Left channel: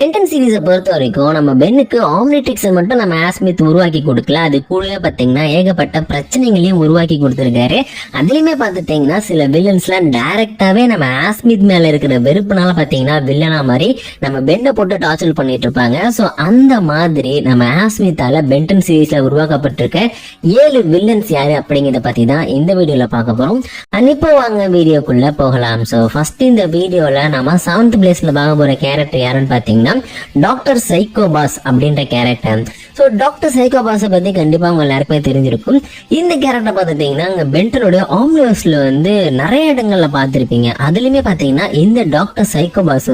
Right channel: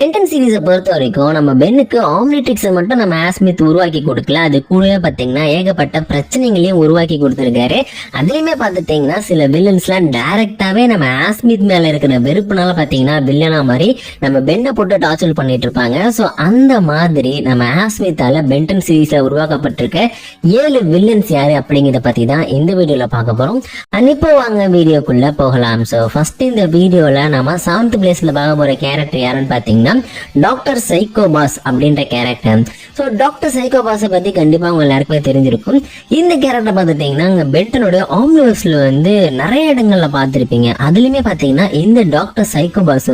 Ben 10 சீரீஸை பொறுத்த வரைக்கும் நம்ம பென்னுக்கு ஆம்னிட்ரிக்ஸை மட்டும் நம்ம ஆஸ்மித் உருவாக்கி கொடுக்கல, அது கூடவே பார்த்தீங்கன்னா ஏகப்பட்ட பிரச்சனைகளையும் உருவாக்கி கொடுத்துருக்காரு. அதுலயுமே பார்த்துட்டீங்கன்னா சில வில்லன்ஸ்லாம் டைரக்டாவே நம்ம ஆஸ்மித் மேல இருக்கிற வெறுப்புனால பார்த்தீங்கன்னா வில்லனா மாதிரி நம்ம பென்னை போட்டு டார்ச்சர் பண்ணிட்டு இருப்பாங்க. ஸோ அந்த மாதிரி நம்ம ஆஸ்மித்தால பென்டன் சீரீஸ்ல உருவாக்கப்பட்டிருக்க 7 வில்லன்ஸ் யாரு அப்படிங்கிறத பத்தி தான் இந்த வீடியோல பார்க்க போறோம். இப்போ வாங்க வீடியோக்குள்ள போகலாம். ஸோ ஃபர்ஸ்ட் இந்த வீடியோல நம்ம 7th பிளேஸ்ல பார்க்க போற கேரக்டர் யாருன்னு பார்த்தீங்கன்னா டாக்டர் சைக்கோபாஸ் அப்படின்ற கேரக்டர். ஸோ டாக்டர் சைக்கோபாஸை பத்தி கண்டிப்பா உங்க எல்லாருக்குமே தெரிஞ்சிருக்கும். இந்த கேரக்டர் பார்த்துட்டீங்கன்னா பென்டனோட ஆம்னிவர்ஸ்ல நிறைய இடங்கள்ல பார்த்திருப்பீங்க. அதுலயுமே பாத்தீங்கன்னா இந்த டாக்டர் சைக்கோபாஸ்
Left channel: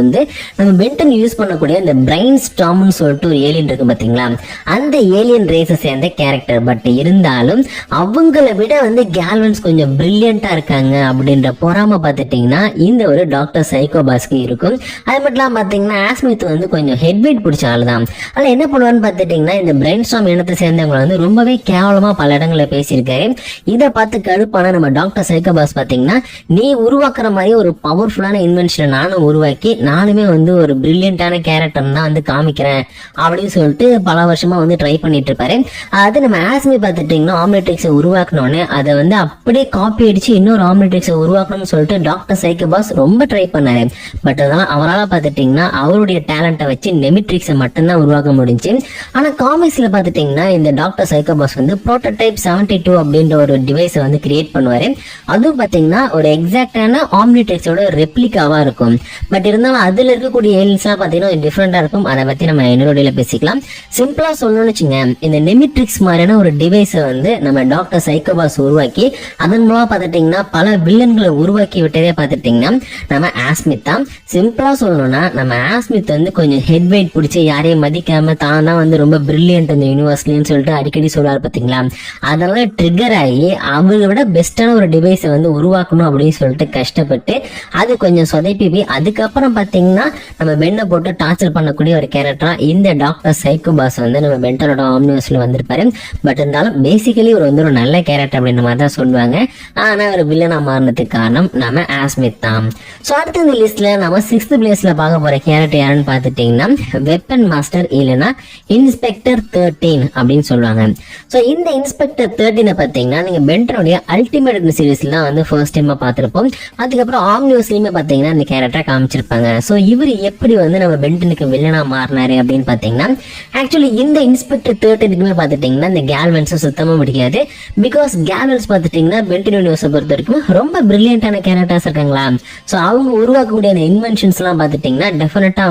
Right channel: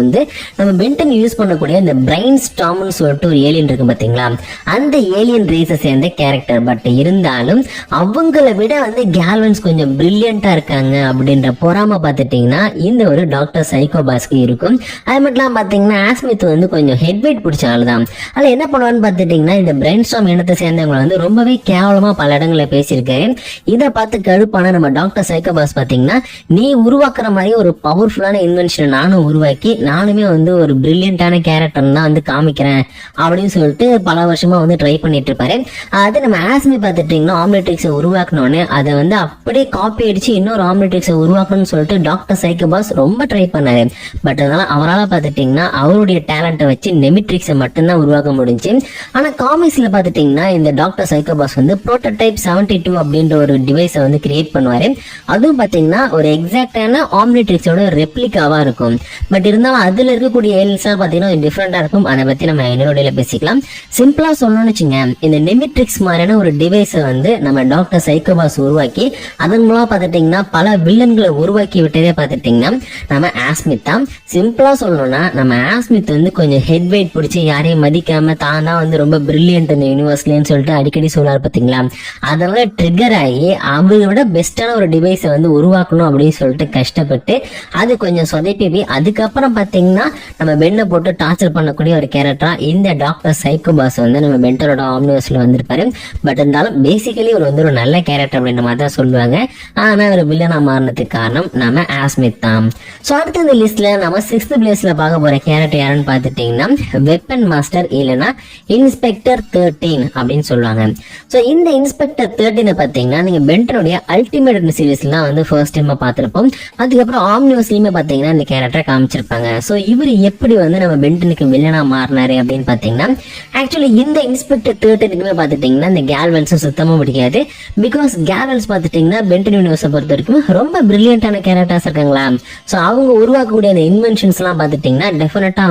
நம்ம பென்டன் யூஸ் பண்ணக்கூடிய இந்த பிரைன் ஸ்டாம்னு சொல்லிட்டு ஒரு ஏலியன் இருக்கு பாத்தீங்களா, அந்த ஏலியன் ரேஸை சேர்ந்த கேரக்டர். பட் இருந்தாலும் அவங்கள விட கேல்வன்ஸ் கொஞ்சம் பிரில்லியண்டா இருக்காங்க அப்படின்ற பொறாம பார்த்துட்டீங்கன்னா இந்த ஒரு டாக்டர் சைக்கோபாஸ்க்கு இருக்கும். அது மட்டும் இல்லாம பாத்தீங்கன்னா ஆஸ்மித் கொஞ்சம் ஹெட் வெயிட் பிடிச்ச ஆளுதான். அதுல என்ன பண்ணுவான்னு பாத்துட்டீங்கன்னா இந்த பிரைன் ஸ்டாம் இனத்தை சேர்ந்தவங்க ரொம்பவே கேவலமா பல இடங்கள்ல பேசியிருக்காரு. இதை பார்த்து கடுப்பான நம்ம டாக்டர் சைக்கோபாஸ் பாத்தீங்கன்னா நீ உருவாக்குற மாதிரி ஒரு பவர்ஃபுல்லான இன்வென்ஷனை நானும் உருவாக்கி நானுமே ஒரு பிரில்லியண்டான கேரக்டர் தான் காமிக்கிறேன் அப்படின்னு சொல்லிட்டு பல வருஷமா ட்ரை பண்ணிட்டு இருப்பாரு. அது நம்ம ஆஸ்மி பாத்துட்டீங்கன்னா ஆம்னிட்ரிக்ஸை உருவாக்கணும்னு அதை அப்படியே காப்பி அடிச்சு இன்னொரு ஆம்னிட்ரிக்ஸை உருவாக்கணும்னு சொல்லிட்டு டாக்டர் சைக்கோபாஸ் ரொம்ப ட்ரை பண்ணாரு. பட் அதனால அவரால் பாத்துட்டீங்கன்னா அவருடைய டேலண்ட்டை வச்சு நெமிட்ரிக்ஸை மட்டும்தான் உருவாக்க முடிஞ்சு. ஆனா காமிக்ஸ்ல பாத்துட்டீங்கன்னா இந்த டாக்டர் சைக்கோபாஸ் புரோட்டோடைப் 72 அப்படின்ற ஒரு டிவைஸை கிரியேட் பண்ணுவாரு. அதுவும் பாத்தீங்கன்னா ஒரு எக்ஸாக்டான ஆம்னிட்ரிக்ஸோட ரெப்ளிகாவா இருக்கும். பட் இருந்தாலும் அதுல இருக்கக்கூடிய ஏலியன்ஸ் பாத்தீங்கன்னா டிஃபரெண்டா இருக்கும். அதை பத்தி நம்ம என்னோட பேசிக்கலாம். சிம்பிளா சொல்லணும்னு வச்சுங்க, இந்த நெமிட்ரிக்ஸ் மாதிரியான ஒரு டிவைஸை நம்ம டாக்டர் சைக்கோபாஸ் உருவாக்கி அதன் மூலம் பாத்துட்டீங்கன்னா பல வில்லன்களை உருவாக்கி விட்டதே பாத்துட்டீங்கன்னா நம்ம ஆஸ்மித் தான். சிம்பிளா சொல்லணும்னா நம்ம ஆஸ்மித் கொஞ்சம் ஹெட் வெயிட் பிடிச்சி யாரையும் மதிக்காம தான் தான் ரொம்ப பிரில்லியன்ட் இந்த யூனிவர்ஸ்லன்னு சொல்லிட்டு அடிக்கடி சொல்றாரு பாத்தீங்களா. அதனால ட்ரிகர் ஆகி அவங்க விட பெஸ்டான ஒரு டிவைஸை உருவாக்கணும் அப்படின்னு சொல்லிட்டு கஷ்டப்பட்டு அது கொஞ்சம் சொதப்பி அதுக்கப்புறம் பாத்தீங்கன்னா நம்ம பென்னை போட்டு டார்ச்சர் பண்ணக்கூடிய ஒரு கேரக்டரா இந்த டாக்டர் சைக்கோபாஸ் நம்ம பென்டனோட ஆம்னிவர்ஸ்ல வந்திருப்பாரு. பட் இருந்தாலும் பேசிக்கலி ஒரு நல்ல கேரக்டர் அப்படின்ற மாதிரி தான் சொல்லுவாங்க. ஆனா ஒரு வில்லனா மாறினதுக்கு காரணம் நம்ம ஆஸ்மித் தான். சோ அடுத்த இந்த லிஸ்ட்ல நம்ம 6th பிளேஸ்ல பார்க்க போற கேரக்டர் யாருன்னு பாத்துட்டீங்கன்னா வெப்பன் மாஸ்டர் இல்லைன்னா இன்ஸ்பெக்டர் 13 அப்படின்னு சொல்லுவாங்க. சோ இந்த இன்ஸ்பெக்டர் 13 பாத்தீங்கன்னா நீங்க பென்டனுடைய அல்டிமேட் சீரீஸ்லாம் ஃபர்ஸ்ட் டைமா பார்த்திருப்போம். அதுக்கப்புறம் ஆம்னிவர்ஸ்லயுமே பாத்தீங்கன்னா இந்த கேரக்டர் காமிச்சிருப்பாங்க. சோ இவர் எப்படி நம்ம பென்டனுக்கு வில்லனா மாறினாரு அப்படின்னு பாத்தீங்கன்னா ஆக்சுவலி இந்த இன்ஸ்பெக்டர் 13க்குமே பாத்துட்டீங்கன்னா இந்த கேல்வன்ஸும் சுத்தமா முடியாது. பிகாஸ் கேல்வன்ஸ் பாத்துட்டீங்கன்னா பென்டன் யூனிவர்ஸை பொறுத்த வரைக்கும் ரொம்ப பிரில்லியண்டான கேரக்டர்ஸ் இருக்காங்களா. சோ அவங்க உருவாக்கக்கூடிய அந்த இன்வென்ஷன்ஸ் எல்லாம் பாத்துட்டீங்கன்னா டெஃபினட்டா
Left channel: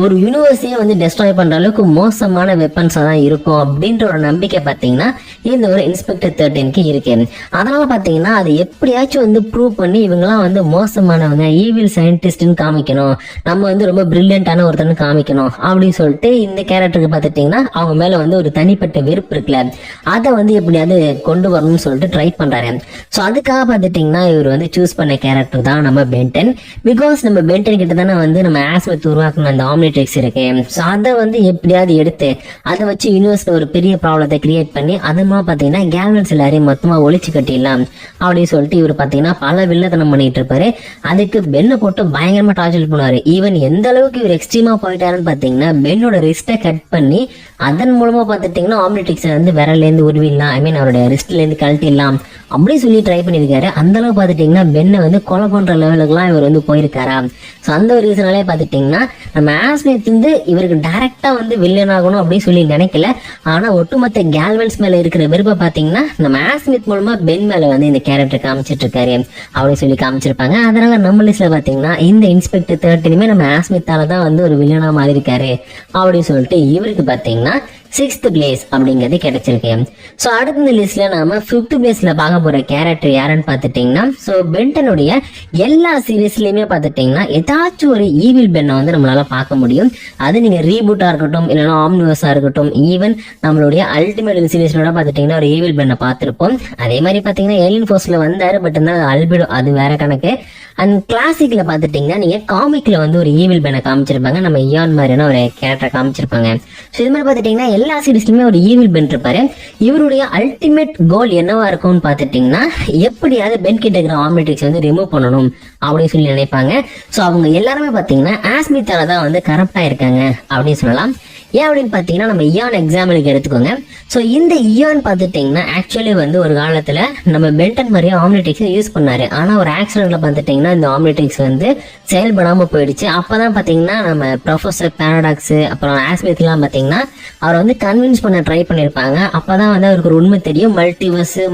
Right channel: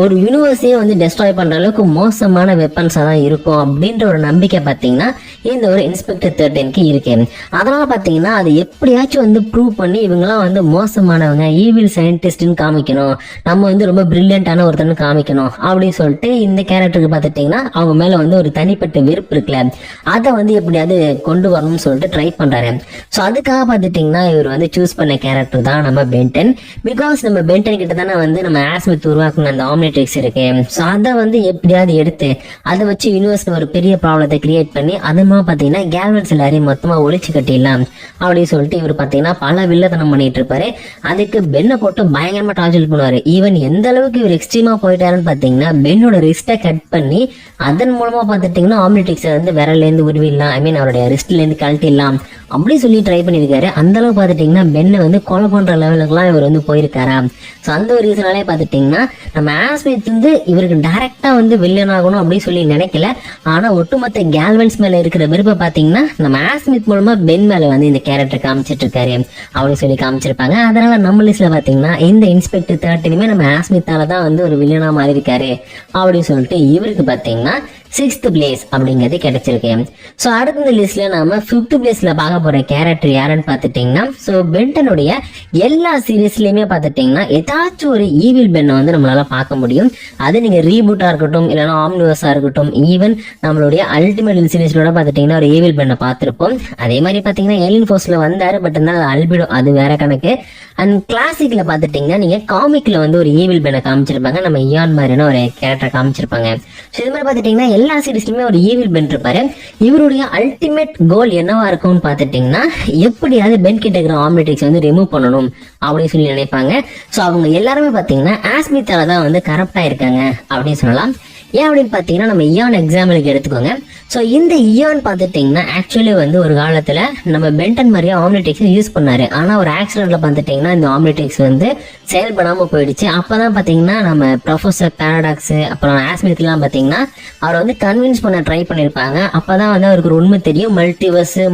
ஒரு யூனிவர்ஸையே டெஸ்ட்ராய் பண்ற அளவுக்கு மோசமான வெப்பன்ஸா தான் இருக்கும் அப்படின்ற ஒரு நம்பிக்கை பாத்தீங்கன்னா இந்த ஒரு இன்ஸ்பெக்டர் 13க்கு இருக்கு. அதனால பாத்தீங்கன்னா அது எப்படியாச்சும் ப்ரூவ் பண்ணி இவங்கெல்லாம் மோசமானவங்க ஈவில் சயின்டிஸ்ட்னு காமிக்கணும், நம்ம ரொம்ப பிரில்லியண்டான ஒருத்தன்னு காமிக்கணும் அப்படின்னு சொல்லிட்டு இந்த கேரக்டருக்கு பாத்துட்டீங்கன்னா அவங்க மேல ஒரு தனிப்பட்ட வெறுப்பு இருக்குல்ல, அதை எப்படியாவது கொண்டு வரணும்னு சொல்லிட்டு ட்ரை பண்றாரு. சோ அதுக்காக பாத்துட்டீங்கன்னா இவர் சூஸ் பண்ண கேரக்டர் தான் நம்ம பென்டன். பிகாஸ் நம்ம பென்டன் கிட்ட தானே நம்ம ஆஸ்மித் உருவாக்குன அந்த ஆம்னிட்ரிக்ஸ் இருக்கு. சோ அதை எப்படியாவது எடுத்து அதை வச்சு யூனிவர்ஸ்ல ஒரு பெரிய ப்ராப்ளத்தை கிரியேட் பண்ணி அதமா பாத்தீங்கன்னா கேல்வன்ஸ் எல்லாரையும் மொத்தமா ஒழிச்சு கட்டிடலாம் அப்படின்னு சொல்லிட்டு இவர் பாத்தீங்கன்னா பல வில்லத்தனம் பண்ணிட்டு இருப்பாரு. அதுக்கு பென்னை போட்டு பயங்கரமா டார்ச்சர் பண்ணுவாரு. ஈவன் எந்த அளவுக்கு இவர் எக்ஸ்ட்ரீமா போயிட்டாருன்னு பாத்தீங்கன்னா பென்னோட ரிஸ்ட்டை கட் பண்ணி அதன் மூலமா பாத்துட்டீங்கன்னா ஆம்னிட்ரிக்ஸை விரல்ல இருந்து உருவிடலாம், ஐ மீன் அவருடைய ரிஸ்ட்ல இருந்து கழட்டிடலாம் அப்படி சொல்லி ட்ரை பண்ணிருக்காரு. அந்த அளவு பாத்துட்டீங்கன்னா பென்னை கொலை பண்ற லெவலுக்கு எல்லாம் இவர் போயிருக்காரா. சோ அந்த ஒரு ரீசனாலே பாத்துட்டீங்கன்னா நம்ம ஆஸ்மித் இவருக்கு டைரக்டா வில்லன் ஆகணும் அப்படின்னு சொல்லி நினைக்கல. ஆனா ஒட்டுமொத்த கேல்வன்ஸ் மேல இருக்கிற வெறுப்பை பாத்தீங்கன்னா நம்ம ஆஸ்மித் மூலமா பென் மேல இந்த கேரக்டர் காமிச்சிட்டு இருக்காரு அப்படின்னு சொல்லி காமிச்சிருப்பாங்க. அதனால நம்ம லிஸ்ட்ல பாத்தீங்கன்னா இந்த இன்ஸ்பெக்டர் 13மே நம்ம ஆஸ்மித்தால தான் ஒரு வில்லனா மாறி இருக்காரு அப்படின்னு சொல்லிட்டு இவருக்கு பாத்தீங்கன்னா 6th பிளேஸ் அப்படிங்கிறது கிடைச்சிருக்கு. சோ அடுத்த இந்த லிஸ்ட்ல நாம 5th பிளேஸ்ல பார்க்க போற கேரக்டர் யாருன்னு பாத்துட்டீங்கன்னா சோ பென்டனுடைய எல்லா சீரீஸ்லயுமே பாத்துட்டீங்கன்னா ஏதாச்சும் ஒரு ஈவில் பென்னை நம்மளால பார்க்க முடியும். அது நீங்க ரீபூட்டா இருக்கட்டும் இல்லைன்னா ஆம்னிவர்ஸா இருக்கட்டும், ஈவன் நம்மளுடைய அல்டிமேட் சீரீஸ்ல பாத்துட்டீங்கன்னா ஒரு ஈவில் பென்னை பார்த்திருப்போம். அதே மாதிரி பாத்தீங்கன்னா ஏலியன் ஃபோர்ஸ்ல வந்தாரு. பட் இருந்தாலும் அல்பிடோ அது வேற கணக்கு. அண்ட் கிளாசிக்ல பாத்துட்டீங்கன்னா நீங்க காமிக்ல ஒரு ஈவில் பென்னை காமிச்சிருப்பாங்க, நம்ம இயான் மாதிரியான ஒரு கேரக்டர் காமிச்சிருப்பாங்க. சோ இது மாதிரி பாத்துட்டீங்கன்னா எல்லா சீரீஸ்லயுமே ஒரு ஈவில் பென் இருப்பாரு. இவருடைய அல்டிமேட் கோல் என்னவா இருக்கும்னு பாத்துட்டீங்கன்னா எப்படியாவது பென் கிட்ட இருக்கிற ஆம்னிட்ரிக்ஸ் வந்து ரிமூவ் பண்ணணும் அப்படின்னு சொல்லி நினைப்பாங்க. சோ அவங்க எல்லாருமே பாத்தீங்கன்னா ஆஸ்மித்தால தான் வந்து கரப்ட் ஆயிருக்காங்க அப்படின்னு சொல்லலாம். ஏன் அப்படின்னு பாத்தீங்கன்னா நம்ம இயான் எக்ஸாம்பிளுக்கு எடுத்துக்கோங்க. சோ இந்த இயான் பாத்துட்டீங்கன்னா ஆக்சுவலி வந்து ஒரு காலத்துல நம்ம பென்டன் மாதிரியே ஆம்னிட்ரிக்ஸ் யூஸ் பண்ணாரு. ஆனா ஒரு ஆக்சிடென்ட்ல பாத்துட்டீங்கன்னா இந்த ஆம்னிட்ரிக்ஸ் வந்து செயல்படாம போயிடுச்சு. அப்பதான் பாத்தீங்கன்னா நம்ம ப்ரொஃபசர் பாராடாக்ஸ் அப்புறம் ஆஸ்மித் எல்லாம் பாத்தீங்கன்னா அவர் வந்து கன்வின்ஸ் பண்ண ட்ரை பண்ணிருப்பாங்க. அப்பதான் வந்து அவருக்கு ஒரு உண்மை தெரியும்,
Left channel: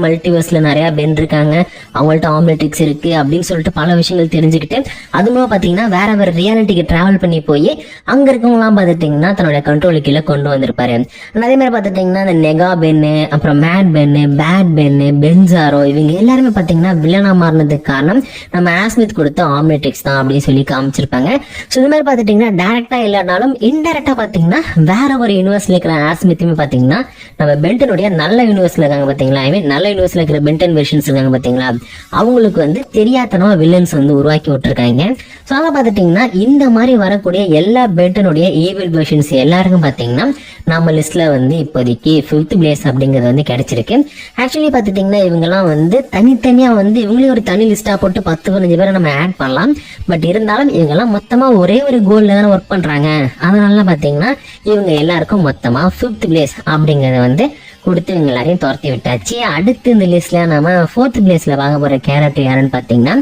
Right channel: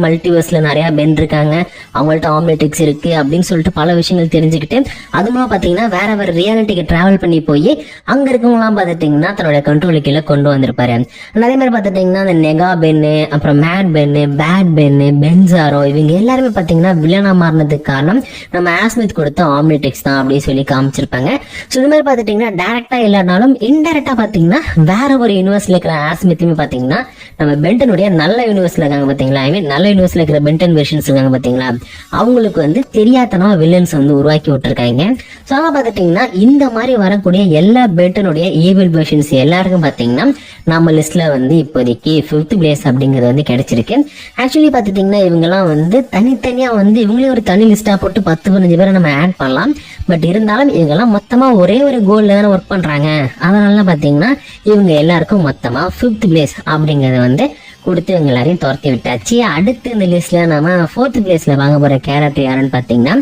மல்டிவர்ஸ்ல நிறைய பென் இருக்காங்க, அவங்கள்ட்ட ஆம்னிட்ரிக்ஸ் இருக்கு அப்படின்னு சொல்லிட்டு பல விஷயங்கள் தெரிஞ்சுக்கிட்டு அது மூலம் பாத்தீங்கன்னா வேற ரியாலிட்டிக்கு டிராவல் பண்ணி போய் அங்க இருக்கவங்க எல்லாம் பாத்துட்டீங்கன்னா தன்னோட கண்ட்ரோல் கீழே கொண்டு வந்திருப்பாரு. அதே மாதிரி பாத்துட்டீங்கன்னா இந்த நெகா பென்னு, அப்புறம் மேட் பென்னு, பேட் பென்னு, பென்சாரோ இவங்க எல்லாருமே பாத்தீங்கன்னா வில்லனா மாறினதுக்கு காரணம் நம்ம ஆஸ்மித் கொடுத்த ஆம்னிட்ரிக்ஸ் தான் அப்படின்னு சொல்லி காமிச்சிருப்பாங்க. சோ இந்த மாதிரி பாத்துட்டீங்கன்னா டைரக்டா இல்லைனாலும் இன்டைரக்டா பாத்தீங்கன்னா வேற ஒரு யூனிவர்ஸ்ல இருக்கிற ஆஸ்மித்துமே பாத்தீங்கன்னா நம்ம பென்டனுடைய நல்ல யூனிவர்ஸ்ல இருக்காங்க பாத்தீங்களா, ஐ மீன் நல்ல யூனிவர்ஸ்ல இருக்கிற பென்டன் வெர்ஷன்ஸ் இருக்காங்க பாத்தீங்களா, அவங்களுக்கு வந்து தெரியாதனமா வில்லன்ஸ் வந்து உருவாக்கி விட்டுருக்காங்க. சோ அத பாத்துட்டீங்கன்னா இந்த மாதிரி வரக்கூடிய எல்லா பென்டனுடைய ஈவில் வெர்ஷன்ஸ் எல்லாருக்கும் பாத்தீங்கன்னா நம்ம லிஸ்ட்ல வந்து இப்போதைக்கு 5th பிளேஸ் அப்படிங்கிறது வந்து கிடைச்சிருக்கு. ஆக்சுவலி பாத்துட்டீங்கன்னா இவங்க எல்லாம் வந்து தனித்தனியா வந்து இவங்களே ஒரு தனி லிஸ்டா போட்டு 10-15 பேரை நம்ம ஆட் பண்ணலாம். பட் இருந்தாலும் இவங்க எல்லாம் மொத்தமா ஒரே ஒரு கோல்ல தானே ஒர்க் பண்றாங்க. அதனால பாத்தீங்கன்னா இவங்க எல்லாருக்கும் மொத்தமா 5th பிளேஸ் அப்படிங்கறத வந்து கொடுத்து இவங்க எல்லாரையும் துரத்தி விட்டாச்சு. அடுத்து இந்த லிஸ்ட்ல நம்ம 4th பிளேஸ்ல வாங்க போற கேரக்டர் யாருன்னு பாத்தீங்கன்னா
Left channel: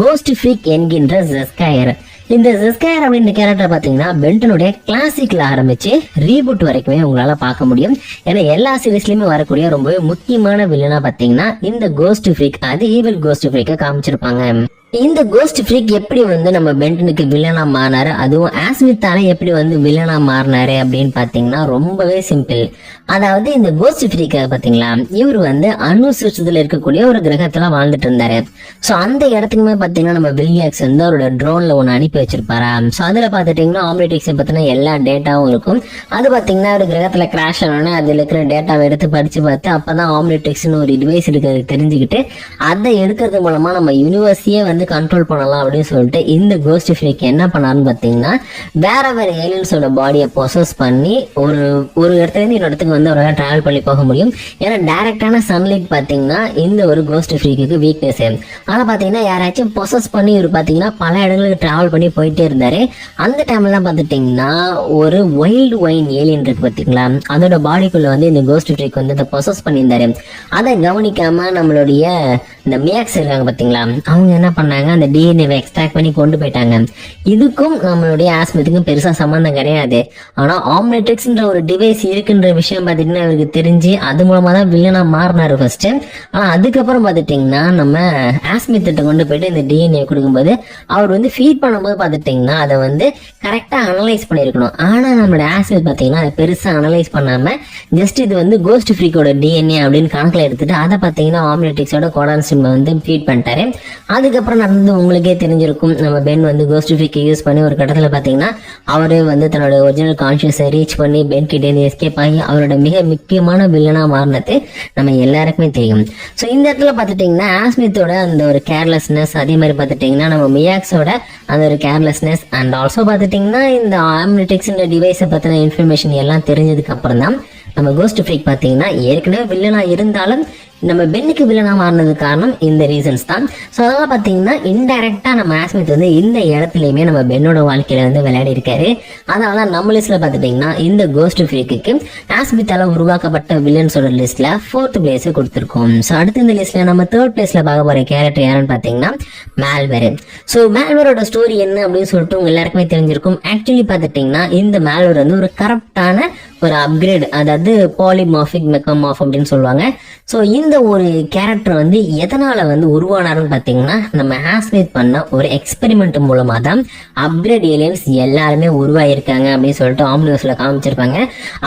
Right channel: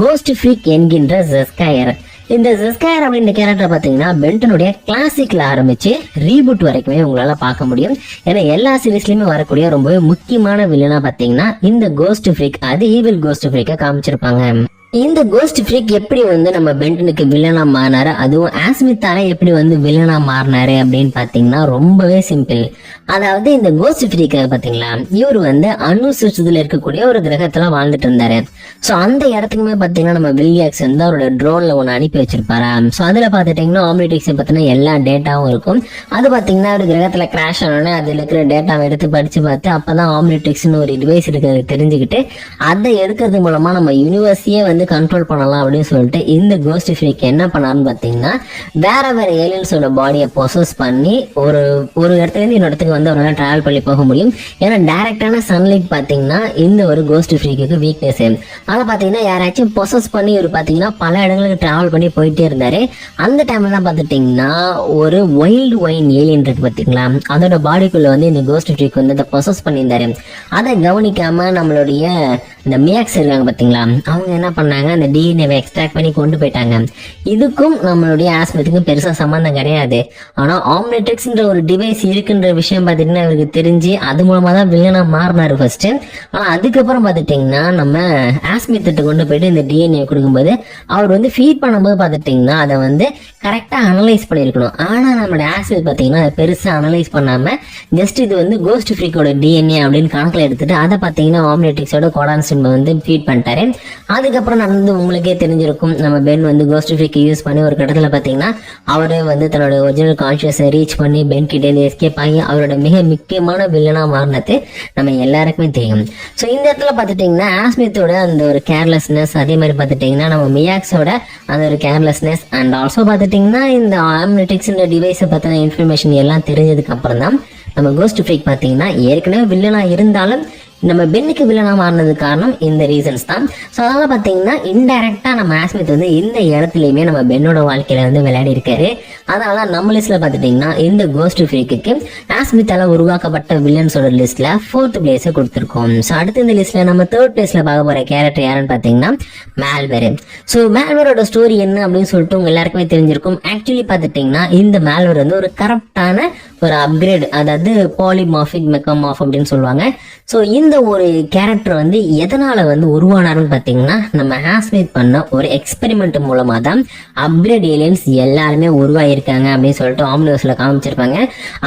கோஸ்ட் ஃப்ரீக் என்கின்ற ஜெஸ்காயர். இந்த ஜெஸ்காயர் அப்படின்ற கேரக்டர் பாத்தீங்கன்னா பென்டனுடைய கிளாசிக்ல ஆரம்பிச்சு ரீபூட் வரைக்குமே உங்களால பார்க்க முடியும். ஏன்னா எல்லா சீரீஸ்லயுமே வரக்கூடிய ரொம்பவே முக்கியமான வில்லனா பாத்தீங்கன்னா இந்த கோஸ்ட் ஃப்ரீக், அது ஈவில் கோஸ்ட் ஃப்ரீக்கா காமிச்சிருப்பாங்க. இந்த கோஸ்ட் ஃப்ரீக் எப்படி வந்து நம்ம பென்டனுக்கு வில்லனா மாறினாரு, அதுவும் ஆஸ்மித்தால எப்படி வந்து வில்லனா மாறினாரு அப்படின்னு பாத்தீங்கன்னா ரொம்பவே சிம்பிள். அதாவது இந்த கோஸ்ட் ஃப்ரீக் பாத்தீங்களா, இவர் வந்து அணு சிஸ்டத்துல இருக்கக்கூடிய ஒரு கிரகத்துல வாழ்ந்துட்டு இருந்தாரு. சோ அந்த இடத்துக்குமே பாத்தீங்கன்னா நம்ம வில்லியாக்ஸ் வந்து அவரோட ட்ரோன்ல ஒண்ணு அனுப்பி வச்சிருப்பாரு. சோ அதுல பாத்துட்டீங்கன்னா ஆம்னிட்ரிக்ஸ் பத்தின எல்லா டேட்டாவும் இருக்கும். அது பாத்தீங்கன்னா ஒரு கிரகத்துல கிராஷ் ஆனோன்னு அதுல இருக்கிற டேட்டாவை எடுத்து படிச்சு பார்த்து அப்பதான் ஆம்னிட்ரிக்ஸ்னு ஒரு டிவைஸ் இருக்கிறது தெரிஞ்சுக்கிட்டு அதை எடுக்கிறது மூலமா நம்ம யூனிவர்ஸையே வந்து கண்ட்ரோல் பண்ணலாம் அப்படின்னு சொல்லிட்டு இந்த கோஸ்ட் ஃப்ரீக் என்ன பண்ணாருன்னு பாத்தீங்கன்னா வேற ஏலியன்ஸோட பாடியை பொசஸ் பண்ணி ஒரு இடத்துல இருந்து இன்னொரு இடத்துக்கு வந்து அவரால் டிராவல் பண்ணி போக முடியும். ஏன்னா டைரக்டான சன்லைட் பாத்தீங்கன்னா இந்த ஒரு கோஸ்ட் ஃப்ரீக்கு வீக்னஸ். ஆனா பாத்தீங்கன்னா யாராச்சும் பொசஸ் பண்ணி இவர் பாத்தீங்கன்னா பல இடங்களுக்கு டிராவல் பண்ணி போயிட்டே இருந்தாரு. அந்த டைம்ல பாத்துட்டீங்கன்னா ஒரு வைல்டு வைன் ஏலியன் இருக்கு பாத்தீங்களா, அதோட பாடிக்குள்ள வந்து இந்த கோஸ்ட் ஃப்ரீக் வந்து அதை பொசஸ் பண்ணியிருந்தாரு. அதை கவனிக்காம நம்மளுடைய இந்த மியாக்ஸ் இருக்காங்க பாத்தீங்களா, அவங்க என்ன பண்ணாங்க, அந்த டிஎன்ஏவை எக்ஸ்ட்ராக்ட் பண்ணி கொண்டு போயிட்டாங்க. இதுக்கும் நம்மளுடைய ஆஸ்மித்துக்கும் பெருசா சம்பந்தம் கிடையாது. ஆனா ஆம்னிட்ரிக்ஸ்ன்ற ஒரு டிவைஸ் இருக்குன்ற விஷயம் பாத்தீங்கன்னா எனக்கு தெரிஞ்சு அது மூலமா தான் வில்லனா மாறினாரு ஃபர்ஸ்ட். ஆனா அதுக்கப்புறம் பாத்துட்டீங்கன்னா நம்ம ஆஸ்மித்திட்ட கொண்டு போயிட்டு இந்த டிஎன்ஏ கொடுக்கும்போது அவர் வந்து ஃபீட் பண்ணும்போது பாத்துட்டீங்கன்னா அதை வந்து கரெக்டா அனலைஸ் பண்ணிருக்கணும். ஆனா நம்மளோட ஆஸ்மித் பாத்தீங்கன்னா அதை பெருசா அனலைஸ் பண்ணாம ஜஸ்ட் இது வந்து கோஸ்ட் ஃப்ரீக்கோட டிஎன்ஏ அப்படின்னு கணக்குல எடுத்துட்டு அதை பாத்தீங்கன்னா ஆம்னிட்ரிக்ஸோட கோடான் சிம் வந்து ஃபீட் பண்ணிட்டாரு. அதுக்கப்புறம் நடந்து உங்களுக்கே தெரிஞ்சிருக்கும், நம்ம பென் வந்து கோஸ்ட் ஃப்ரீக் யூஸ் பண்ணி ஒரு கட்டத்துல பாத்தீங்கன்னா அவரே வந்து தன்னோட ஒரிஜினல் கான்சியஸை ரீச் பண்ணி பென் கிட்ட இருந்து எஸ்கேப் ஆகி அவரோட மிக முக்கியமான வில்லனா மாறினது நம்ம எல்லாருக்குமே தெரியும். சோ இந்த இடத்துல பாத்துட்டீங்கன்னா ஆஸ்மித்தோட அந்த ஒரு கேர்லெஸ்னஸ், அதே மாதிரி பாத்துட்டீங்கன்னா நம்ம மியாக்ஸோட அந்த ஒரு கேர்லெஸ்னஸ் அண்ட் ஆல்சோ பாத்துட்டீங்கன்னா இந்த ஆம்னிட்ரிக்ஸ் டிவைஸை பத்தின இன்ஃபர்மேஷன் எல்லாம் தெரிஞ்சதுக்கு அப்புறம் தான் நம்ம கோஸ்ட் ஃப்ரீக் பாத்தீங்கன்னா ஏற்கனவே வில்லனா இருந்தாலும் நம்ம பென்னுக்கு வில்லனா மாறினது காரணம் இந்த ரீசன்ஸ் தான். ஸோ அதனால பார்த்தீங்கன்னா இன்டைரக்டா நம்ம ஆஸ்மித் வந்து இந்த இடத்துலையுமே நம்ம பென்னோட வாழ்க்கையில வந்து விளையாடி இருக்காரு. அதனால நம்ம லிஸ்ட்ல பார்த்துட்டீங்கன்னா இந்த கோஸ்ட் ஃப்ரீக்கு ஆஸ்மித்தால உருவாக்கப்பட்ட வில்லன்ஸோட லிஸ்ட்ல 4th பிளேஸ் கொடுத்துருக்கோம். ஸோ அடுத்து இந்த லிஸ்ட்ல நம்ம 3rd பிளேஸ்ல பார்க்க போற கேரக்டர் யாருன்னு பார்த்தீங்கன்னா மால்வேர். ஸோ மால்வேரோட ஸ்டோரி என்ன அப்படின்னு சொல்லிட்டு உங்க எல்லாருக்குமே தெரிஞ்சிருக்கும். ஆக்சுவலி பார்த்துட்டீங்கன்னா இந்த மால்வேர் வந்து ஒரு கரப்டான ஒரு அப்கிரேட், அதாவது பாலிமார்பிக் மெக்கமார்ப் அப்படின்னு சொல்லுவாங்க. ஸோ இந்த ஒரு கேரக்டர் வந்து எதனால வந்து உருவானாருன்னு பாத்தீங்கன்னா நம்ம ஆஸ்மித் பண்ண ஒரு எக்ஸ்பெரிமெண்ட் மூலமா தான் அப்கிரேட் ஏலியன்ஸ் எல்லாருமே உருவாயிருக்காங்க அப்படின்னு சொல்லிட்டு ஆம்னிவர்ஸ்ல காமிச்சிருப்பாங்க.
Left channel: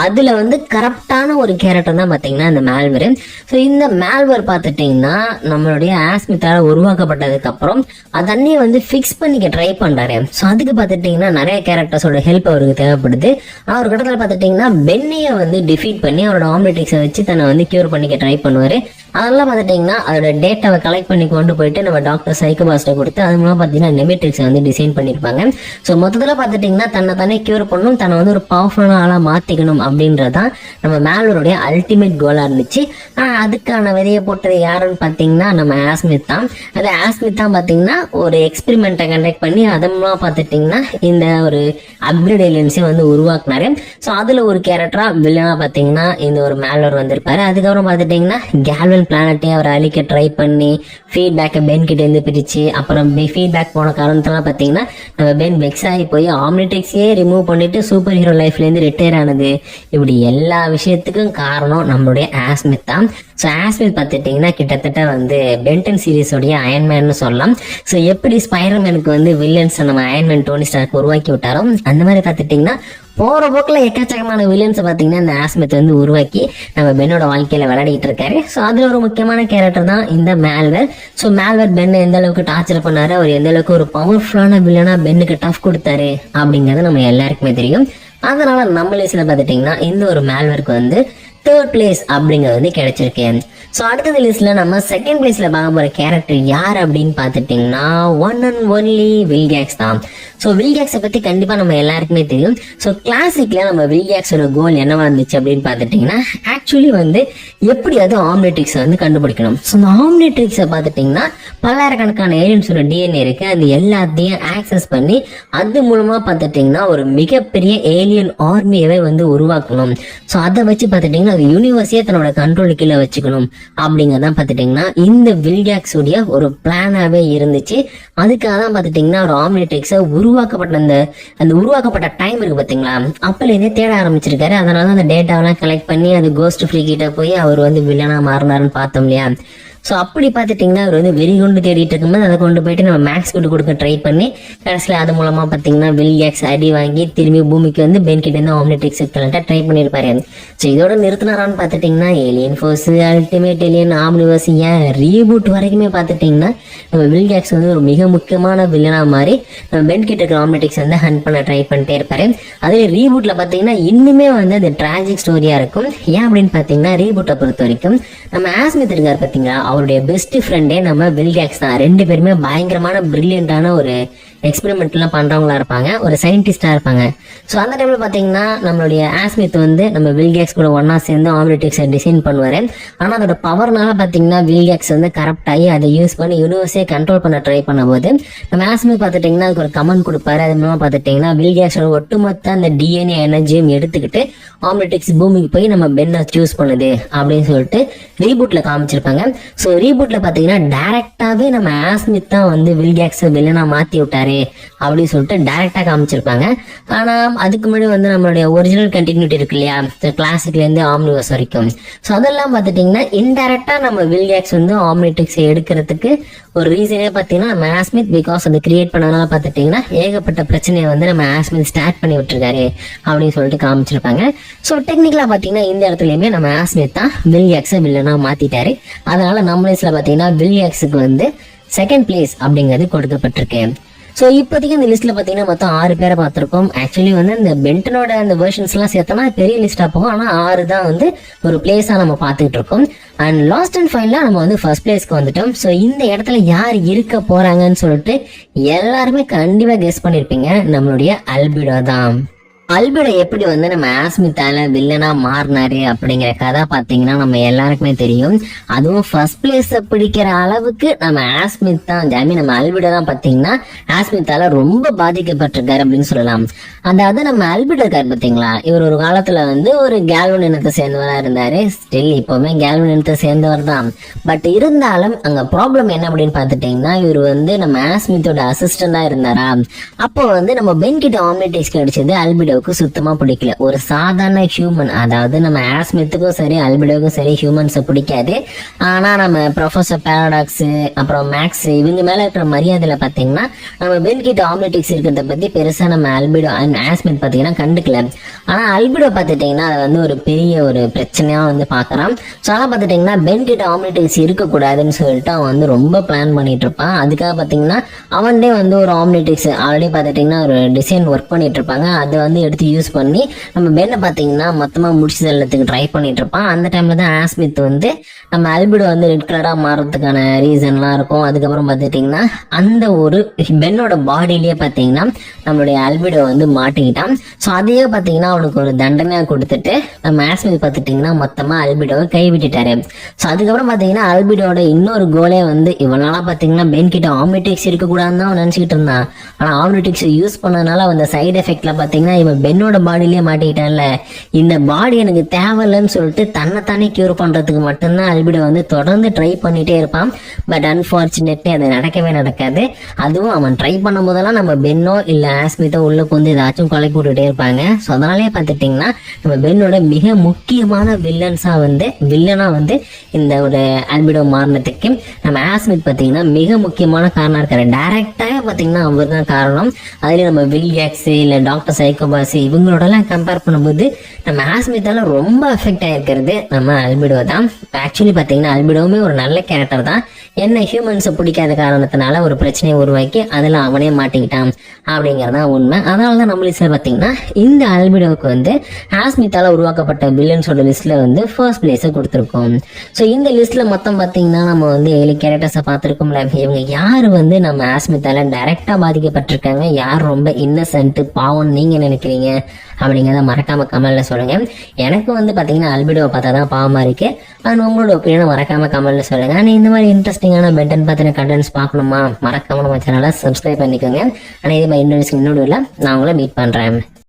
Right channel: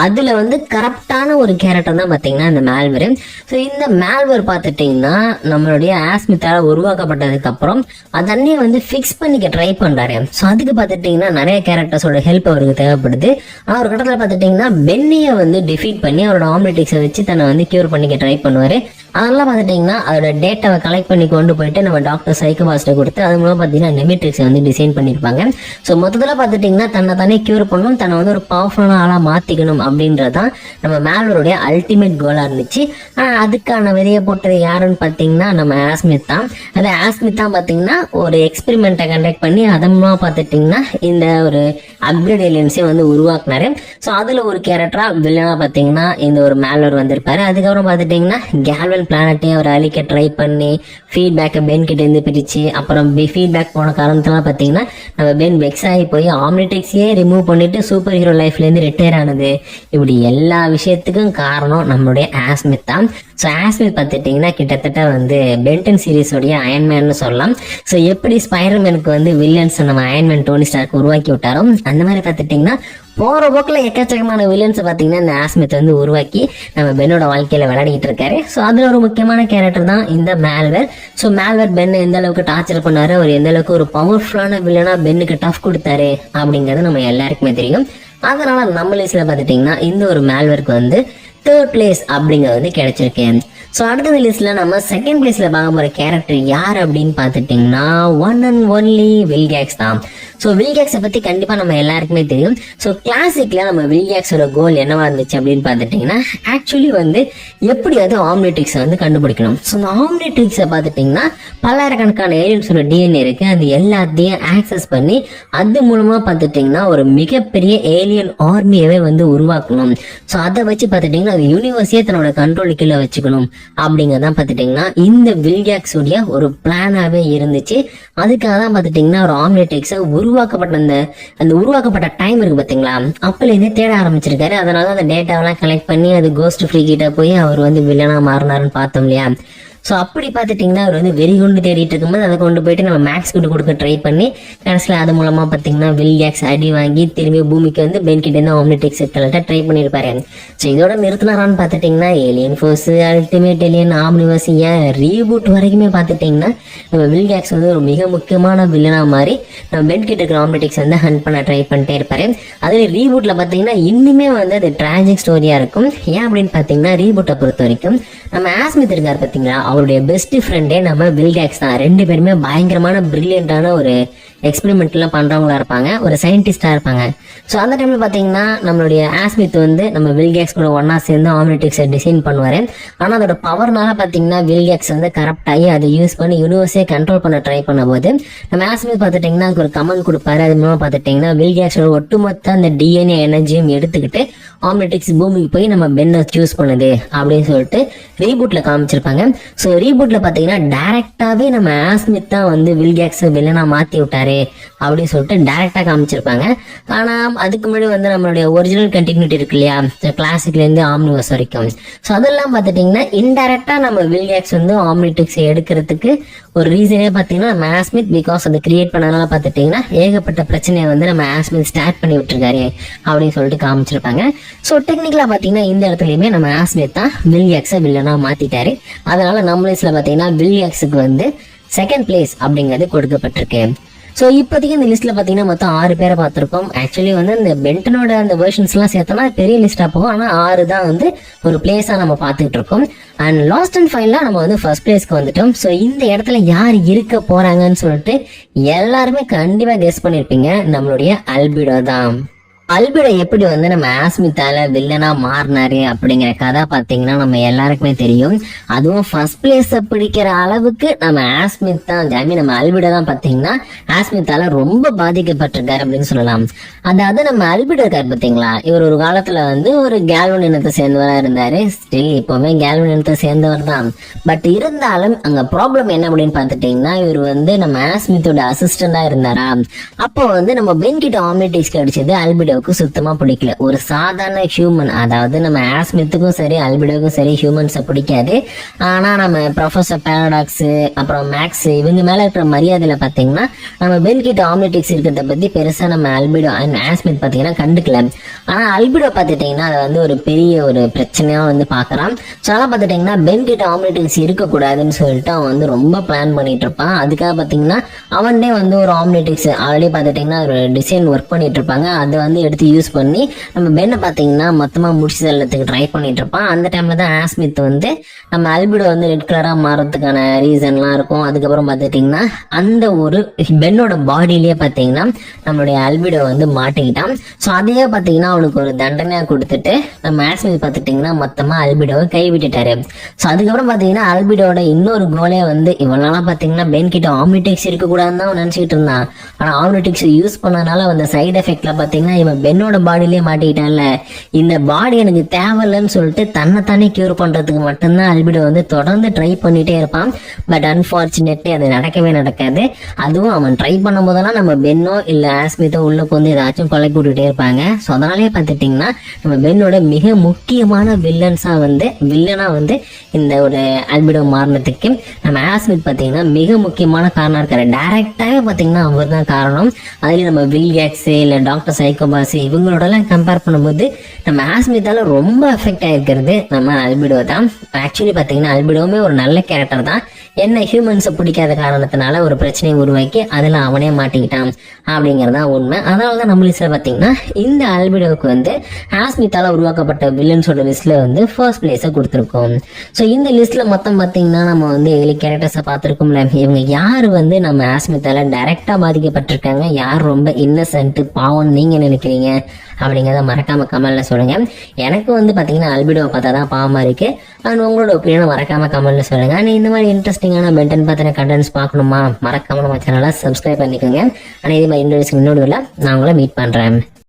அதுல வந்து கரப்டான ஒரு கேரக்டர் தான் பாத்தீங்கன்னா இந்த மால்வேர். ஸோ இந்த மால்வேர் பாத்துட்டீங்கன்னா நம்மளுடைய ஆஸ்மித்தால உருவாக்கப்பட்டதுக்கு அப்புறம் அதன்னே வந்து ஃபிக்ஸ் பண்ணிக்க ட்ரை பண்றாரு. ஸோ அதுக்கு பாத்துட்டீங்கன்னா நிறைய கேரக்டர்ஸோட ஹெல்ப் அவருக்கு தேவைப்படுது. அவர் கட்டத்துல பாத்துட்டீங்கன்னா பென்னியை வந்து டிஃபீட் பண்ணி அவரோட ஆம்னிட்ரிக்ஸை வச்சு தன்னை வந்து கியூர் பண்ணிக்க ட்ரை பண்ணுவாரு. அதெல்லாம் பார்த்துட்டிங்கன்னா அதோட டேட்டாவை கலெக்ட் பண்ணி கொண்டு போயிட்டு நம்ம டாக்டர் சைக்கோபாஸ்ட்டை கொடுத்து அது மூலம் பார்த்தீங்கன்னா நெமிட்ரிக்ஸை வந்து டிசைன் பண்ணியிருப்பாங்க. ஸோ மொத்தத்தில் பார்த்துட்டிங்கன்னா தன்னை தானே கியூர் பண்ணணும், தன்னை வந்து ஒரு பவர்ஃபுல்லான ஆளாக மாற்றிக்கணும் அப்படின்றது தான் நம்ம மேல்வேருடைய அல்டிமேட் கோலாக இருந்துச்சு. அதுக்கான விதையை போட்டது யாருன்னு பார்த்தீங்கன்னா நம்ம ஆஸ்மித் தான். அது ஆஸ்மித் தான் பார்த்தீங்கன்னா ஒரு எக்ஸ்பெரிமெண்ட்டை கண்டக்ட் பண்ணி அதன் மூலம் பார்த்துட்டிங்கன்னா இந்த ஒரு அப்கிரேட் ஏலியன்ஸை வந்து உருவாக்குனாரு. ஸோ அதில் ஒரு கேரக்டராக வில்லனாக பார்த்தீங்கன்னா இந்த ஒரு மேல்வேர் வந்திருப்பாரு. அதுக்கப்புறம் பார்த்துட்டிங்கன்னா கேல்வன் பிளானட்டையும் அவர் அழிக்க ட்ரை பண்ணி ஃபீட்பேக்கை பென் கிட்ட இருந்து பிரிச்சு அப்புறம் ஃபீட்பேக் போன காரணத்தெல்லாம் பார்த்தீங்கன்னா நம்ம பென் வெக்ஸ் ஆகி போய் ஆம்னிடெக்ஸையே ரிமூவ் பண்ணிட்டு சூப்பர் ஹீரோ லைஃப்லேருந்து ரிட்டையர் ஆனது. இப்படி எல்லா விஷயத்துக்கும் காரணம் நம்மளுடைய ஆஸ்மித் தான். ஸோ ஆஸ்மித் பார்த்துட்டிங்கன்னா கிட்டத்தட்ட வந்து பென்டன் சீரீஸோடைய அயன்மேன்னு சொல்லலாம். ஸோ எப்படி ஸ்பைடர்மேனுக்கு வந்து வில்லன்ஸ் நம்ம அயன்மேன் டோனி ஸ்டார்க் உருவாக்கி விட்டாரோ அந்த மாதிரி பார்த்துட்டிங்கன்னா போற போக்கில் எக்கச்சக்கமான வில்லன்ஸ் பார்த்தீங்கன்னா இந்த ஆஸ்மித் வந்து உருவாக்கி நம்ம பென்னோட வாழ்க்கையில விளையாடிட்டு இருக்காரு. ஸோ அதுல ஒரு முக்கியமான கேரக்டர் தான் இந்த மேல்வேர். ஸோ மேல்வேர் பென்னை எந்த அளவுக்கு டார்ச்சர் பண்ணாரு, அவர் எந்த அளவுக்கு ஒரு பவர்ஃபுல்லான வில்லனா பென்னுக்கு டஃப் கொடுத்தாரு அப்படிங்கிறது நம்ம எல்லாருக்குமே தெரியும். அதனால நம்ம லிஸ்ட்ல பார்த்துட்டிங்கன்னா இந்த ஒரு மேல்வேருக்கு வந்து 3rd பிளேஸ் அப்படிங்கிறது வந்து கிடைச்சிருக்கு. ஸோ அடுத்த லிஸ்ட்ல நம்ம 2nd பிளேஸ்ல பார்க்க போற கேரக்டர் யார் அப்படின்னு பார்த்துட்டிங்கன்னா ஒன் அண்ட் ஒன்லி வில்கேக்ஸ் தான். ஸோ வில்கேக்ஸை பத்தி கண்டிப்பா நம்ம எல்லாருக்குமே தெரியும். ஸோ கிளாசிக்ல நம்ம வில்கேக்ஸோட கோல் என்னவா இருந்துச்சு அப்படின்னு பார்த்துட்டிங்கன்னா ஆக்சுவலி வந்து எப்படி வந்து ஆம்னிட்ரிக்ஸை வந்து கண்டுபிடிக்கணும். ஸோ இந்த ஆம்னிட்ரிக்ஸை பார்த்துட்டிங்கன்னா பல்லாயிரக்கணக்கான ஏலியன்ஸோட டிஎன்ஏ இருக்கு, அது எல்லாத்தையும் ஆக்சஸ் பண்ணி அது மூலமா பார்த்துட்டிங்கன்னா ஒரு மிகப்பெரிய ஏலியன் ஆர்மியவே வந்து உருவாக்கணும். ஸோ அதை வச்சு பார்த்துட்டிங்கன்னா அது யூனிவர்ஸே தன்னோட கண்ட்ரோல் கீழே வச்சுக்கணும் அப்படிங்கறதான் பார்த்துட்டிங்கன்னா இந்த வில்கேக்ஸ் உடைய ஒரு பிளானாவே இருந்துச்சு. அதுக்காக தான் பார்த்துட்டிங்கன்னா ஒரு ஆம்னிட்ரிக்ஸை உருவாக்கப்பட்ட அந்த உருவாக்கப்பட்ட டைம் இருக்கு பார்த்தீங்களா, அப்பல இதே தேட ஆரம்பிச்சிருக்காரு. அதனால அந்த டேட்டாவெல்லாம் கலெக்ட் பண்ணி அது கோஸ்ட் ஃப்ரீ கிட்ட போய் அவர் வந்து வில்லனா மாறினாருன்னு பார்த்தோம் இல்லையா. ஸோ அப்படி பார்த்துட்டிங்கன்னா அவர் வந்து வெறிகுண்டு தேடிட்டு இருக்கும்போது அதை கொண்டு போயிட்டு நம்ம மேக்ஸ் கொண்டு கொடுக்க ட்ரை பண்ணி கடைசியில் அது மூலமாக பார்த்தீங்கன்னா வில்கேக்ஸ் அடி வாங்கி திரும்பி பூமிக்கு வந்து பென் கிட்ட இருந்து ஆம்னிட்ரிக்ஸ் ட்ரை பண்ணியிருப்பாரு. ஸோ இதோட நிறுத்தினாரான்னு பார்த்துட்டிங்கன்னா alien force, ultimate alien, Omniverse, ஏன் ரீபூட் வரைக்குமே பார்த்துட்டிங்கன்னா நம்ம வில்கேக்ஸ் வந்து ஒரு மிக முக்கியமான வில்லனா மாதிரி நம்ம பென் கிட்ட இருக்கிற ஆம்னிட்ரிக்ஸ் வந்து ஹண்ட் பண்ண ட்ரை பண்ணிட்டே இருப்பாரு. அதே ரீபூட்ல பார்த்தீங்கன்னா இன்னுமே வந்து அது டிராஜிக் ஸ்டோரியா இருக்கும். ஏன் அப்படின்னு பார்த்தீங்கன்னா ரீபூட்டை பொறுத்த வரைக்கும் நம்ம ஆஸ்மித் இருக்கார் பார்த்தீங்கன்னா அவருடைய பெஸ்ட் ஃப்ரெண்டே நம்ம வில்கேக்ஸ் தான். 2 பேருமே பயங்கரமான பிரில்லியண்டான ஒரு எக்ஸ்பெரிமெண்ட் எல்லாம் பண்றவங்களா இருப்பாங்க, ஒரு சயின்டிஸ்டா இருப்பாங்க. ஸோ அந்த டைம்ல பாத்தீங்கன்னா நம்மளுடைய ஆஸ்மித் வந்து நம்ம வில்கேக்ஸ் கூட ஒன்னா சேர்ந்து ஆம்னிட்ரிக்ஸை டிசைன் பண்ணுவாரு. ஆனா அதோட பவர்னால பாத்தீங்கன்னா வில்கேக்ஸ் வந்து கரப்ட் ஆகி அதை யூஸ் பண்ணி யூனிவர்ஸே கண்ட்ரோல் பண்ண ட்ரை பண்ண போது நம்ம ஆஸ்மித் பார்த்துட்டிங்கன்னா அதுக்கு ஒரு கமெண்ட் கொடுப்பாரு. அது மூலமா பார்த்துட்டிங்கன்னா வில்கேக்ஸோட ஒட்டுமொத்த அந்த டிஎன்ஏ எனர்ஜியும் எடுத்துக்கிட்டு ஆம்னிட்ரிக்ஸ் பூமிக்கு போய் நம்ம பென்னை சூஸ் பண்ணுது அப்படின்னு சொல்லிட்டு ரீபூட்ல காமிச்சிருப்பாங்க. ஸோ ரீபூட்ல பாத்தீங்கன்னா டைரக்டாவே நம்ம ஆஸ்மித் தான் வந்து வில்கேக்ஸ் வில்லனா மாத்தி விட்டாரு அப்படின்னு சொல்லிட்டு டைரக்டா காமிச்சிருப்பாங்க. ஆனா அதுக்கு முன்னாடி வந்து நம்மளுடைய ஒரிஜினல் கண்டினியூட்டி இருக்கு இல்லையா, கிளாசிக்ல இருந்து ஆம்னிவர்ஸ் வரைக்கும். ஸோ அதெல்லாம் பார்த்துட்டிங்கன்னா இன்டைரக்டா நம்ம வில்கேக்ஸ் வந்து ஆம்னிட்ரிக்ஸ் எடுக்கிறதுக்கு ஒரு ரீசனே பார்த்தீங்கன்னா நம்ம ஆஸ்மித் பிகாஸ் அதை கிரியேட் பண்ணனால பார்த்துட்டிங்கன்னா ஏகப்பட்ட பிரச்சனையை வந்து நம்ம ஆஸ்மித் ஸ்டார்ட் பண்ணி விட்டுருக்காரு அப்படின்னு சொல்லிட்டு காமிச்சிருப்பாங்க. ஸோ டெக்னிக்கலா பார்த்தீங்கன்னா இந்த இடத்துலயுமே நம்ம ஆஸ்மித் தான் வில்கேக்ஸை வில்லனா மாத்திட்டாரு. அதனால நம்ம லிஸ்ட்ல பார்த்தீங்கன்னா வில்கேக்ஸுக்கு வந்து 2nd பிளேஸ் அப்படிங்கிறது கொடுக்கப்பட்டிருக்கு. ஸோ இப்போதைக்கு இந்த லிஸ்ட்ல பார்த்தீங்கன்னா மொத்தம் 6 பேரை பார்த்துருக்கோம். ஆக்சுவலி வந்து இந்த பென்டனோட அந்த வெர்ஷன்ஸ் எல்லாம் சேர்த்தோம்னா பெரிய லிஸ்டா போகும். ஆனால் 6 தான் வந்து ஒரு பிளேஸா நம்ம பார்த்துட்டு இருக்கோம். அண்ட் லாஸ்ட் அண்ட் ஃபைனலா நம்ம வந்து 1st பிளேஸ்க்கு வந்துட்டோம். ஸோ இந்த இடத்துல யார் இருக்க போறாங்கன்னு சொல்லிட்டு எல்லாருமே கண்டிப்பா கெஸ் பண்ணிருப்பீங்க, நம்மளுடைய அல்பிடோ தான். அல்பிடோ எப்படி வந்து நம்ம ஆஸ்மித்தால வில்லனா மாறினாரு அப்படிங்கிற கதை பாத்தீங்கன்னா நம்ம எல்லாருக்குமே தெரியும். அதுவும் 1st பிளேஸ் பிடிக்கிற அளவுக்கு நம்ம ஆஸ்மித் தான், நம்ம அல்பிடோ தான் பாத்தீங்கன்னா ஆஸ்மித்தால ரொம்ப பாதிக்கப்பட்டிருக்காரு அப்படின்னு சொல்லலாம். அதாவது நம்ம அல்பிடோ இருக்காரு பாத்தீங்களா, இவர் ஒரு காலத்துல வந்து ஒரு கேல்வன் இனத்தை சேர்ந்தவரா இருந்தாரு. ஸ்டில் இப்பவுமே கேல்வன் இனத்தை சேர்ந்தவர் தான். பட் இருந்தாலும் அங்க ப்ராப்ளம் என்ன அப்படின்னு பாத்துட்டீங்கன்னா இவர் வந்து நம்ம ஆஸ்மித்தோட அசிஸ்டண்டா இருந்தாரா. அப்போ வந்து நம்ம பென் கிட்ட ஆம்னிட்ரிக்ஸ் கிடைச்சது அல்பிடோ சுத்தமா பிடிக்கல. ஒரு சாதாரண ஹியூமன், அதாவது நம்ம ஆஸ்மித்துக்கும் சரி அல்பிடோக்கும் சரி ஹியூமன்ஸை பிடிக்காது. ஆனா நம்ம ப்ரொஃபசர் பாராடாக்ஸ் அப்புறம் மேக்ஸ் இவங்க மேல இருக்கிற மரியாதையில பாத்தீங்கன்னா நம்ம பென் கிட்ட ஆம்னிட்ரிக்ஸ் இருக்கிறத பத்தி பெருசா நம்ம அல்பிடோ அண்ட் ஆஸ்மித் பாத்தீங்கன்னா கண்டுக்கல. ஆனா அல்பிடோ பாத்துட்டீங்கன்னா அது வந்து ஒரு பெரிய ஒரு பிரச்சனையா வந்து பாக்குறான். ஸோ ஆனா பாத்துட்டீங்கன்னா பென் கிட்ட ஆம்னிட்ரிக்ஸ் இருக்கக்கூடாதுன்னு சொல்லிட்டு அவன் வந்து ரொம்ப பிளான் பண்ணிட்டு இருப்பான். அதுக்காக பாத்தீங்கன்னா அவன்டே வந்து ஒரு ஆம்னிட்ரிக்ஸ் ஆல்ரெடி பாத்துட்டீங்கன்னா ஒரு டிசைன் ஒர்க் பண்ணிட்டு இருப்பாங்க. அது வந்து எடுத்து யூஸ் பண்ணி நம்ம பென்னை பார்த்தீங்கன்னா மொத்தமாக முடிச்சு தள்ளத்துக்கு ட்ரை பண்ணிட்டு இருப்பான். அந்த டைம்ல தான் ஆஸ்மித் வந்து நம்ம அல்பிடோ வந்து ரெட் கலராக மாறதுக்கான ரீசன்லாம் இருக்கும். அதுக்கப்புறம் பார்த்துட்டிங்கன்னா அந்த ஒரு பென்னோட பாடியிலேயே பார்த்தீங்கன்னா நம்மளுடைய அல்பிடோ வந்து மாட்டிக்கிட்டான். ஸோ அதையே பார்த்தீங்கன்னா அவனுக்கு ஒரு தண்டனையாக கொடுத்துட்டு நம்ம ஆஸ்மித் பார்த்துட்டிங்கன்னா மொத்தமாக அல்பிடோவை கைவிட்டுட்டாரு. ஸோ அதுக்கப்புறம் பார்த்தீங்கன்னா அல்பிடோட இன்னொரு கோலே வந்து இவனாலாம் பார்த்தீங்கன்னா பென் கிட்ட ஆம்னிடிக்ஸ் இருக்கக்கூடாதுன்னு தான் அவன் நினச்சிக்கிட்டு இருந்தான். ஆனால் ஆம்னிடிக்ஸ் யூஸ் பண்ணனால அந்த சைடு எஃபெக்ட்ல பார்த்தீங்கன்னா இவன் பென்னோட பாடியிலேயே மாட்டிக்கிட்டான்ல, இந்த பாடி எனக்கு தேவையில்லைன்னு சொல்லிட்டு தன்னைத்தானே கியூர் பண்ணுறதுக்கு மட்டும்தான் அல்பிடோ வந்து தொடர்ந்து ட்ரை பண்ணிட்டே இருப்பான். பட் அன்ஃபார்ச்சுனேட்லி அது நடக்கவே நடக்காது. அதுவும் அவன் ட்ரை பண்ணும் போதெல்லாம் நம்ம பென்னோ இல்லை ஆஸ்மித்தோ உள்ள வந்து ஏதாச்சும் கொலை போட்டுட்டே இருப்பாங்க. ஸோ அதனாலே பார்த்துட்டிங்கன்னா நம்ம பென்னோட மிக முக்கியமான வில்லனா வந்து இந்த ஒரு அல்பிடோ மாறினதுக்கு நம்ம ஆஸ்மித் பார்த்தீங்கன்னா மிக முக்கியமான காரணம் இருக்காரு. டைரக்டாகவே பார்த்தீங்கன்னா அவர் தான் காரணம். அதுலேயும் நம்ம வில்கேக்ஸ் இல்லை டாக்டர் சைக்கோபாஸ் இவங்களோடலாம் கம்பேர் பண்ணும்போது நம்ம ஆஸ்மித்தால ரொம்ப எஃபெக்ட் ஆகிருக்கிறது நம்ம அல்பிடோ தான். ஆக்சுவலி பார்த்தீங்கன்னா அல்பிடோவுமே ஒரு நல்ல கேரக்டர் தான். என்ன ஹியூமன்ஸை பிடிக்காத காரணத்தினால ஒரு பிரச்சனையை உருவாக்கி அதில் அவனே மாட்டிக்கிட்டான் அப்படிங்கிறது தான் உண்மை. அதனால தான் நம்ம லிஸ்ட்டில் பார்த்தீங்கன்னா இந்த அல்பிடோவுக்கு வந்து ஆஸ்மித்தால உருவாக்கப்பட்ட வில்லன்ஸோட லிஸ்ட்டில் வந்து ஃபர்ஸ்ட் பிளேஸை கொடுத்துருக்கோம். ஸோ இந்த லிஸ்ட்டில் மொத்தம் பார்த்தீங்கன்னா நம்ம வந்து 7 கேரக்டர்ஸை பார்த்துருக்கோம்ல. இவங்க யார் வந்து நம்ம ஆஸ்மித்தால டைரெக்டாக பாதிக்கப்பட்டிருக்காங்க, யார் ரொம்ப இன்னசென்ட் பாவம் நீங்கள் நினைக்கிறீங்க அப்படிங்கிறத மறக்காம கமெண்ட்ல சொல்லுங்க. எனக்கு வந்து பார்த்தீங்கன்னா அல்பிடோவை பார்த்தா தான் பாவமா இருக்கு. அண்ட் உங்களோட ஒப்பீனியனை மறக்காம கமெண்ட்ல சொல்லுங்க. ஆனால் இந்த மாதிரி இன்ட்ரெஸ்டிங்கான பென்டன் பற்றின கண்டென்ட்ஸ் பார்க்கணுமா, மறக்காம நம்ம சேனலை சப்ஸ்கிரைப் பண்ணிக்கோங்க. ஆனால் இது மாதிரி இன்னொரு நான் உங்களை மீட் பண்ணுறேன்.